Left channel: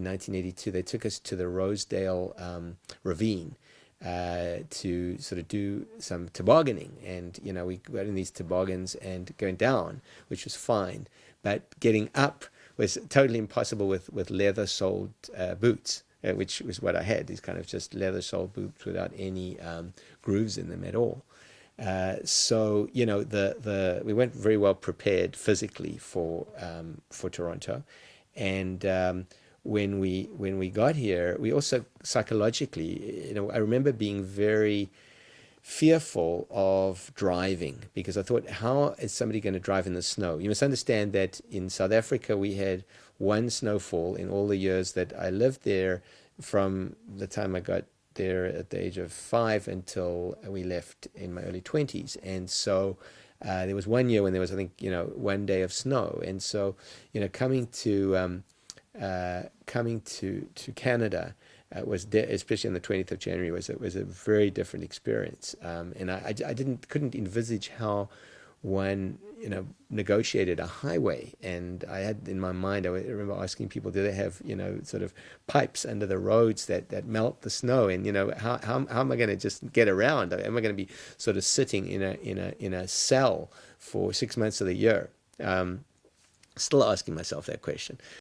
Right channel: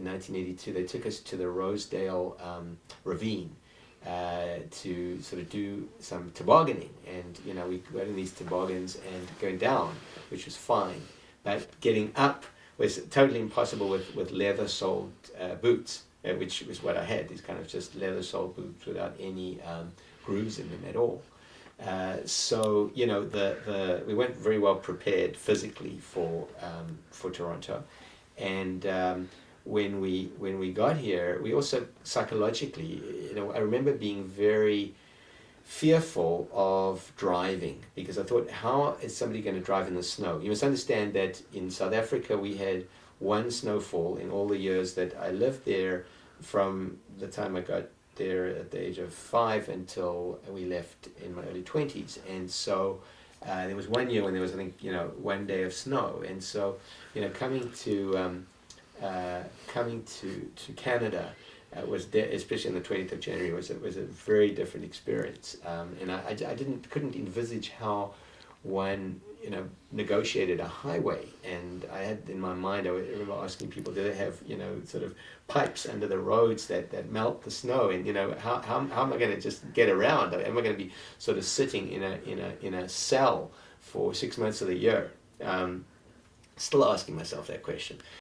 in 1982, they took us to the Rosedale Ravine to sort of do some tobogganing, and we got in these toboggans and going down, which was fine, but getting up was totally impossible with leather-soled boots, which was what I had, these kind of just leather-soled boots without any grooves in them at all. So we went very well prepared physically for Toronto, and when we got here, we also psychologically, I remember being very fearful of driving, because I thought, how is somebody going to drive in the snow? You must understand that in South Africa we had one snowfall in all the years that I lived there, from the time I got there at the age of 5 until we left in my early 20s. And so there was one year when there was, I think, one day of snow. And so, coming to Canada was especially on the 20th of January was a very different experience. And I couldn't envisage how one negotiated a highway. And I had in my mind, I remember asking people, do they have sort of pipes under the roads that melt the snow? And how am I going to just get around? Am I going to be sort of sitting in a cell for 6 months of the year? Still asking myself that question.